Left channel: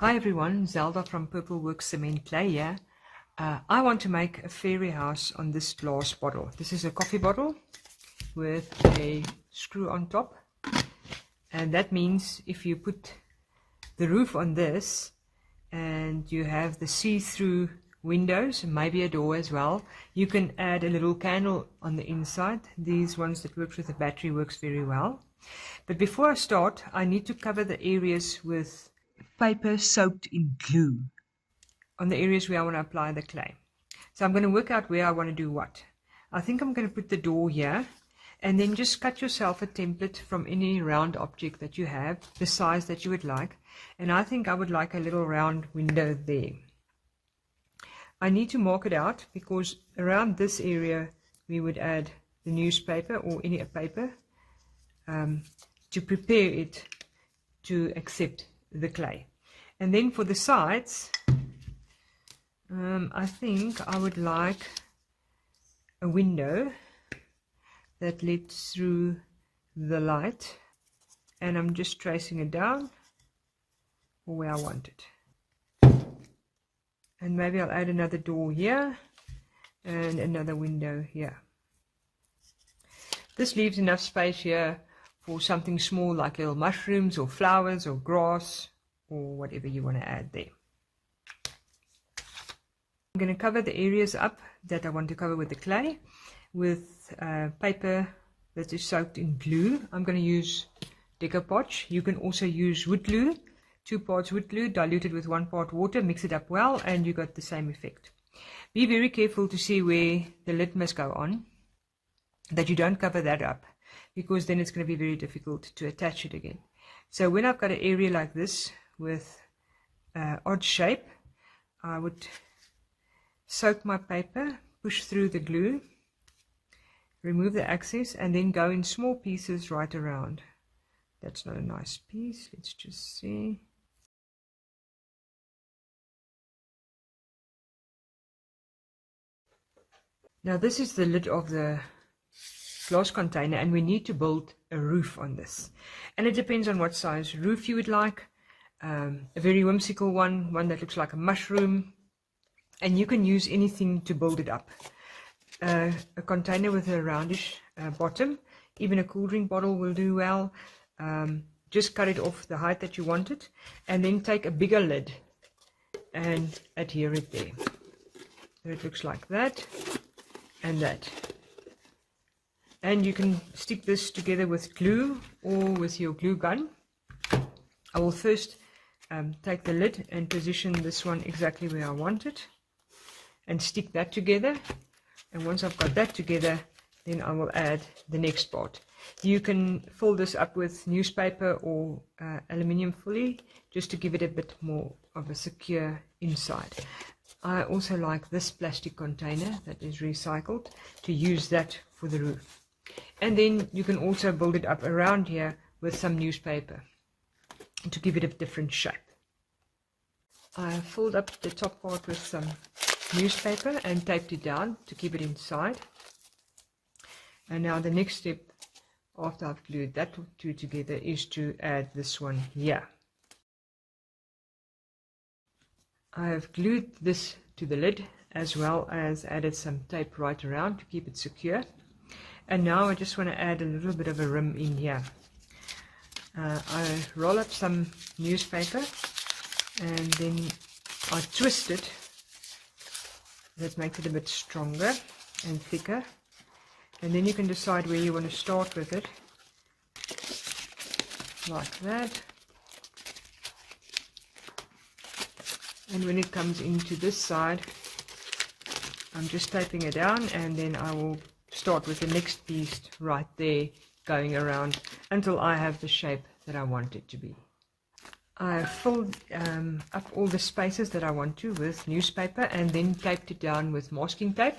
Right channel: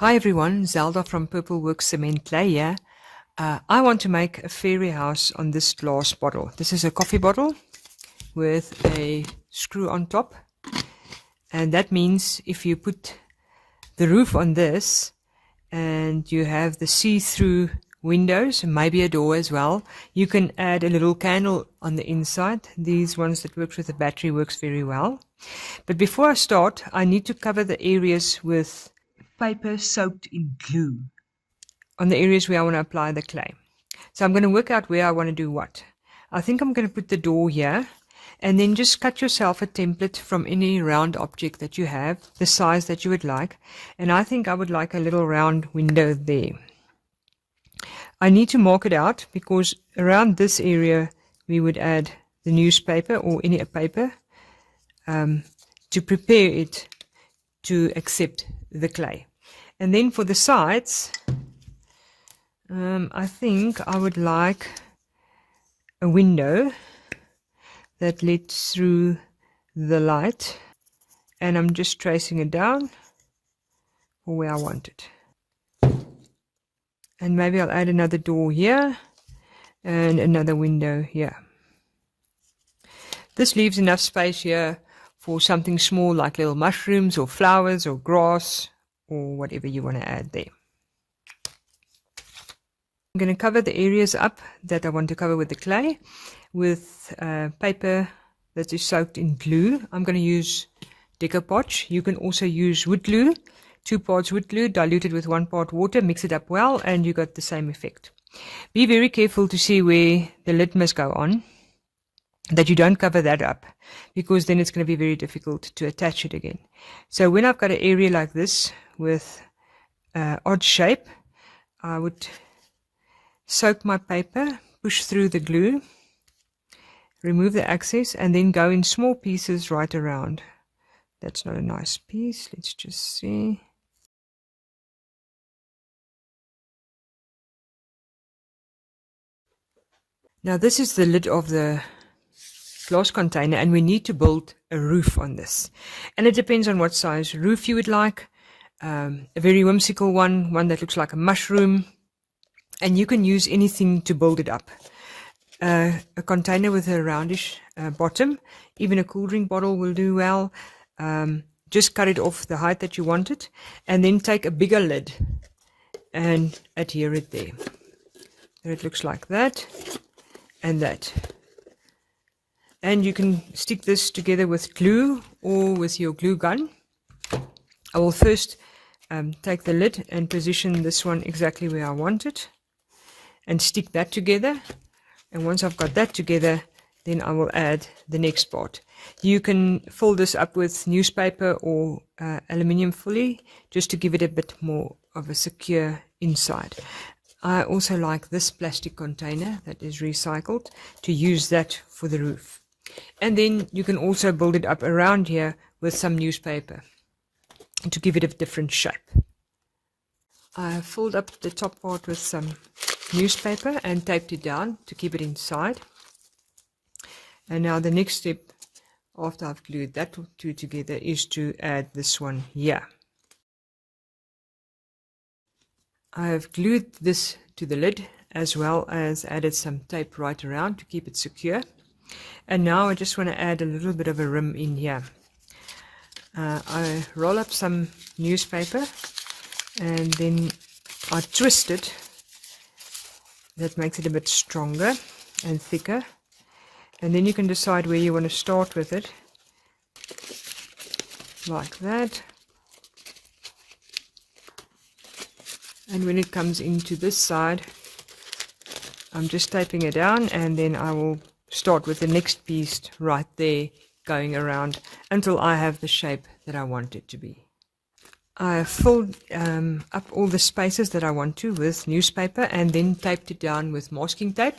Hi everyone, Zelda from Purpleworx Cement clay here. I want to make a fairy house on this glass bottle. This is a coffee bottle with a screw on top, and that means if you put the roof on this and you have the see-through windows, maybe a door as well, you can add a little candle on the inside. These ones that works with a battery works very well. But before I start, I need to cover the areas with paper soaked in glue on the areas where I want to apply the clay. So I'm going to work out where I want to do what. I think I'm going to put the door here, and then just cut yourself a template from any round object that you have, the size that you would like. And I think I would like a little round window there. I need to mark it out because around this area we would add the newspaper or any paper to prepare it to accept the clay. And then for the sides, I think I would like a window that lets through the light, and I'm just tracing it down for where I want it. And maybe I'll add another door here and another window here. This leaves enough space here for something small like little mushrooms or flowers or grass or whatever you want to add there. I'm going to cover the areas up that I want to cover with the clay with paper that is soaked in glue. I'm going to use decoupage. You can also use wood glue, 2 parts wood glue diluted with 1 part water, mix it up well, and you got the same effect. Be very careful to see where the lid must go on, that you don't cover that up, because then it's going to be very difficult to attach it again. So when I've got an area like this with odd shape, I would soak my paper, push through the glue, remove the excess, and then go in small pieces right around. That's not a nice piece. Let's just see. Now this is the lid of the glass container, and we need to build a roof on this. And it depends on what size roof you would like. A very whimsical one that looks like a mushroom. And you can use anything to build it up. A container with a roundish bottom, even a cool drink bottle will do well. Just cut it off the height that you want it, and then take a bigger lid and adhere it there. So it looks like that and that. And you can stick this together with glue or with your glue gun. I will first take the lid and position this one exactly where I want it, and stick that together. And once I've got that together, then I will add the next part. You can fill this up with newspaper or aluminium foil just to give it a bit more of a secure inside. I also like this plastic container that is recycled, to use that for the roof. And then you can also build it up around here with some newspaper to give it a different shape. I filled up the top part with some newspaper and taped it down to keep it inside. And now the next step, after I've glued that two together, is to add this one here. I have glued this to the lid, as well as added some tape right around to keep it secure. And now I just want to add a little bit of a rim in here. I roll up some newspaper and then I twist it. That makes it a bit stronger and thicker. And then you can decide where you want to start with it, like that. And when it comes into this side, I'm just taping it down, and then I will start with the next piece right there, going around until I have the shape that I want it to be. I have filled up all the spaces that I want to with newspaper, and then taped it down with masking tape.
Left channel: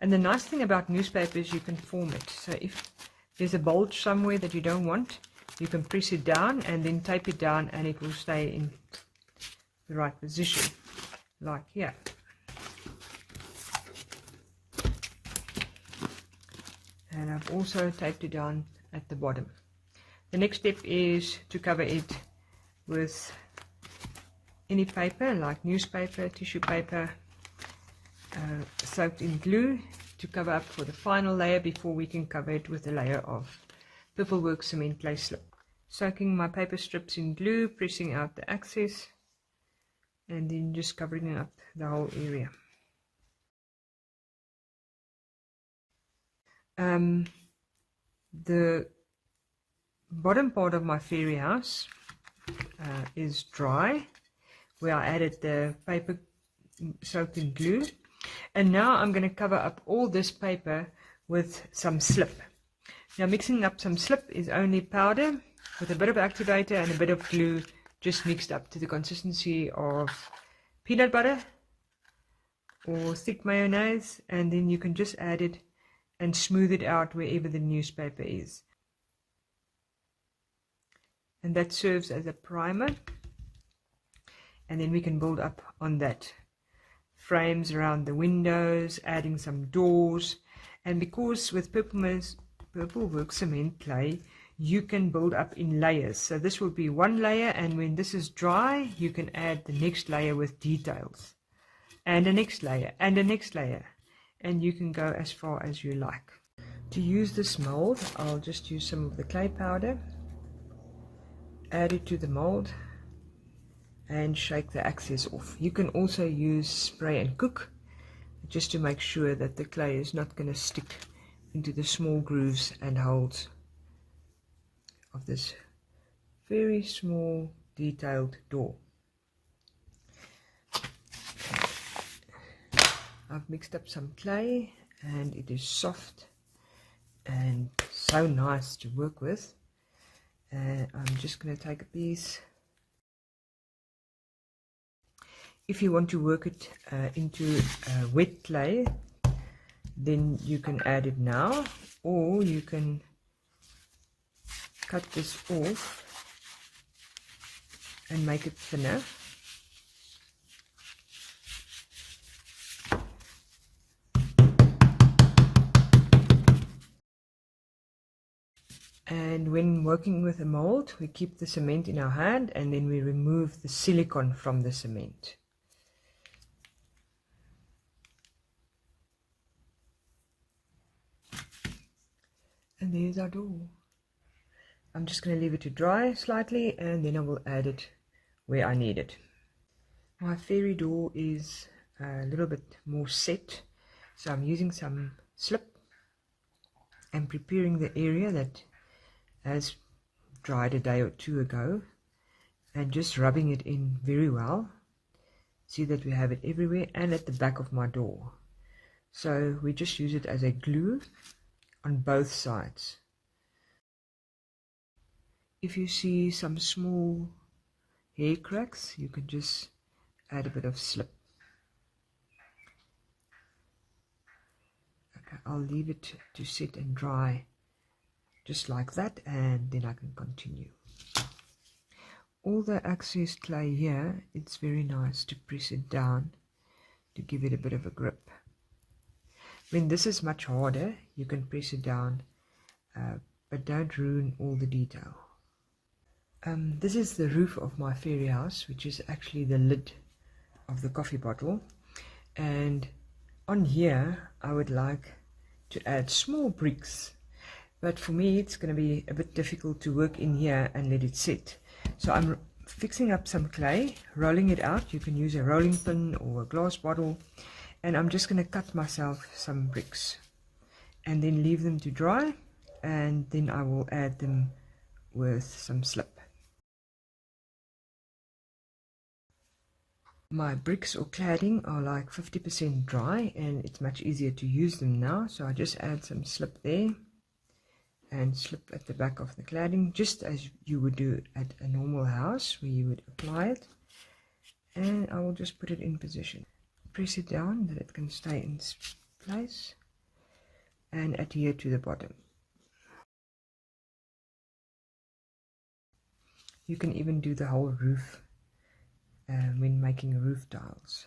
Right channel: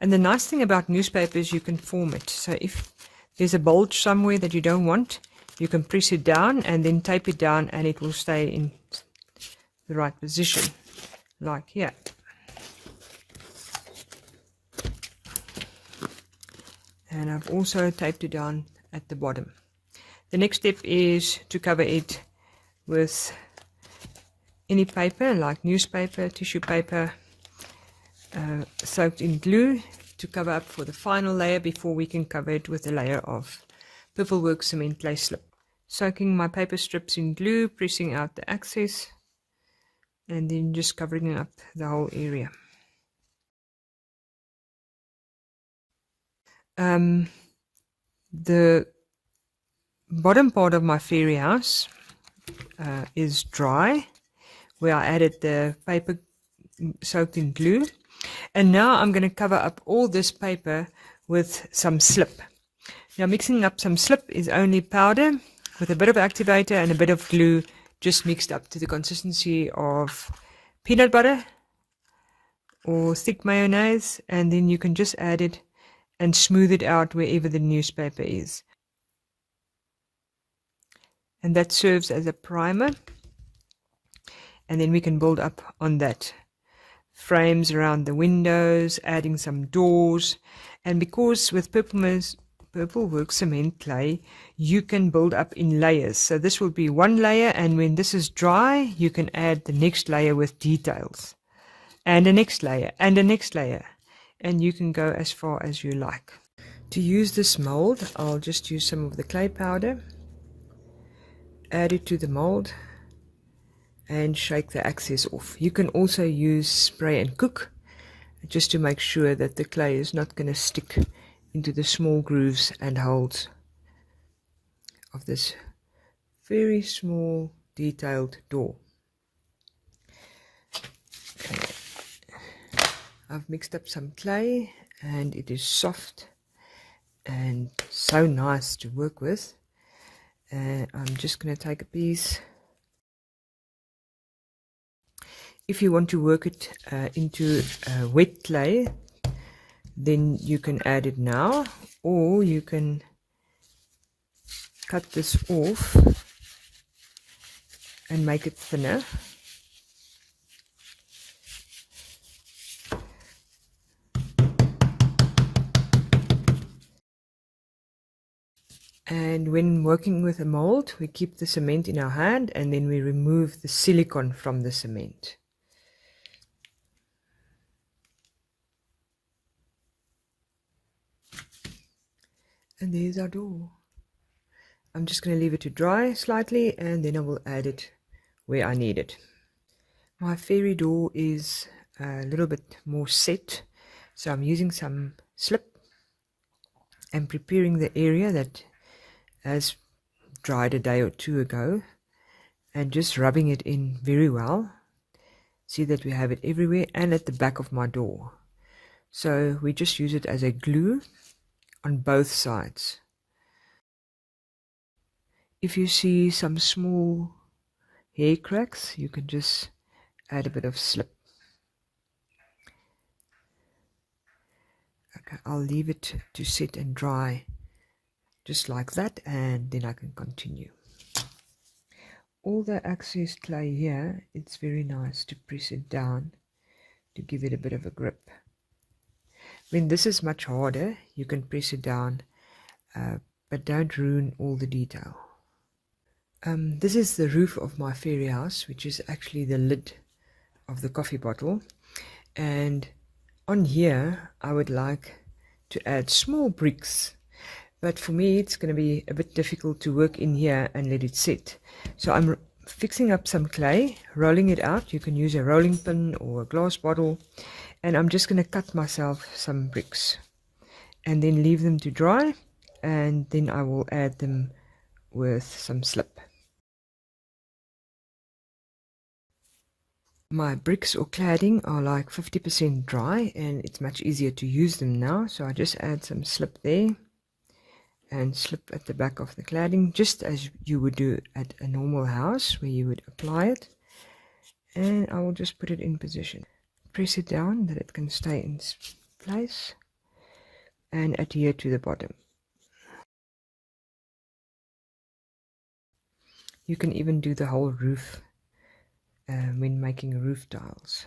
And the nice thing about newspaper is you can form it. So if there's a bulge somewhere that you don't want, you can press it down and then tape it down, and it will stay in the right position, like here. And I've also taped it down at the bottom. The next step is to cover it with any paper like newspaper, tissue paper, soaked in glue to cover up for the final layer before we can cover it with a layer of Purpleworx Cement clay slip. Soaking my paper strips in glue, pressing out the excess, and then just covering up the whole area. The bottom part of my fairy house is dry, where I added the paper soaked in glue, and now I'm going to cover up all this paper with some slip. Now mixing up some slip is only powder with a bit of activator and a bit of glue, just mixed up to the consistency of peanut butter or thick mayonnaise, and then you can just add it and smooth it out wherever the newspaper is. And that serves as a primer, and then we can build up on that. Frames around the windows, adding some doors, and because with Purpleworx Cement clay you can build up in layers, so this will be one layer, and when this is dry you can add the next layer with details, and the next layer, and the next layer, and you can go as far as you like. To use this mold, I'll just use some of the clay powder, add it to the mold, and shake the excess off. You can also use spray and cook, just to make sure that the clay is not going to stick into the small grooves and holes of this very small detailed door. I've mixed up some clay and it is soft and so nice to work with. I'm just going to take a piece. If you want to work it into wet clay, then you can add it now, or you can cut this off and make it thinner. And when working with a mold, we keep the cement in our hand and then we remove the silicone from the cement. And there's our door. I'm just going to leave it to dry slightly and then I will add it where I need it. My fairy door is a little bit more set, so I'm using some slip and preparing the area that has dried a day or two ago and just rubbing it in very well. See that we have it everywhere and at the back of my door. So we just use it as a glue on both sides. If you see some small hair cracks, you can just add a bit of slip. Okay, I'll leave it to sit and dry just like that, and then I can continue. All the excess clay here, it's very nice to press it down to give it a bit of a grip. When this is much harder, you can press it down, but don't ruin all the detail. This is the roof of my fairy house, which is actually the lid of the coffee bottle, and on here I would like to add small bricks, but for me it's going to be a bit difficult to work in here and let it sit. So I'm fixing up some clay, rolling it out. You can use a rolling pin or a glass bottle, and I'm just going to cut myself some bricks and then leave them to dry, and then I will add them with some slip. My bricks or cladding are like 50% dry and it's much easier to use them now, so I just add some slip there and slip at the back of the cladding, just as you would do at a normal house where you would apply it, and I will just put it in position. Press it down that it can stay in place and adhere to the bottom. You can even do the whole roof when making roof tiles.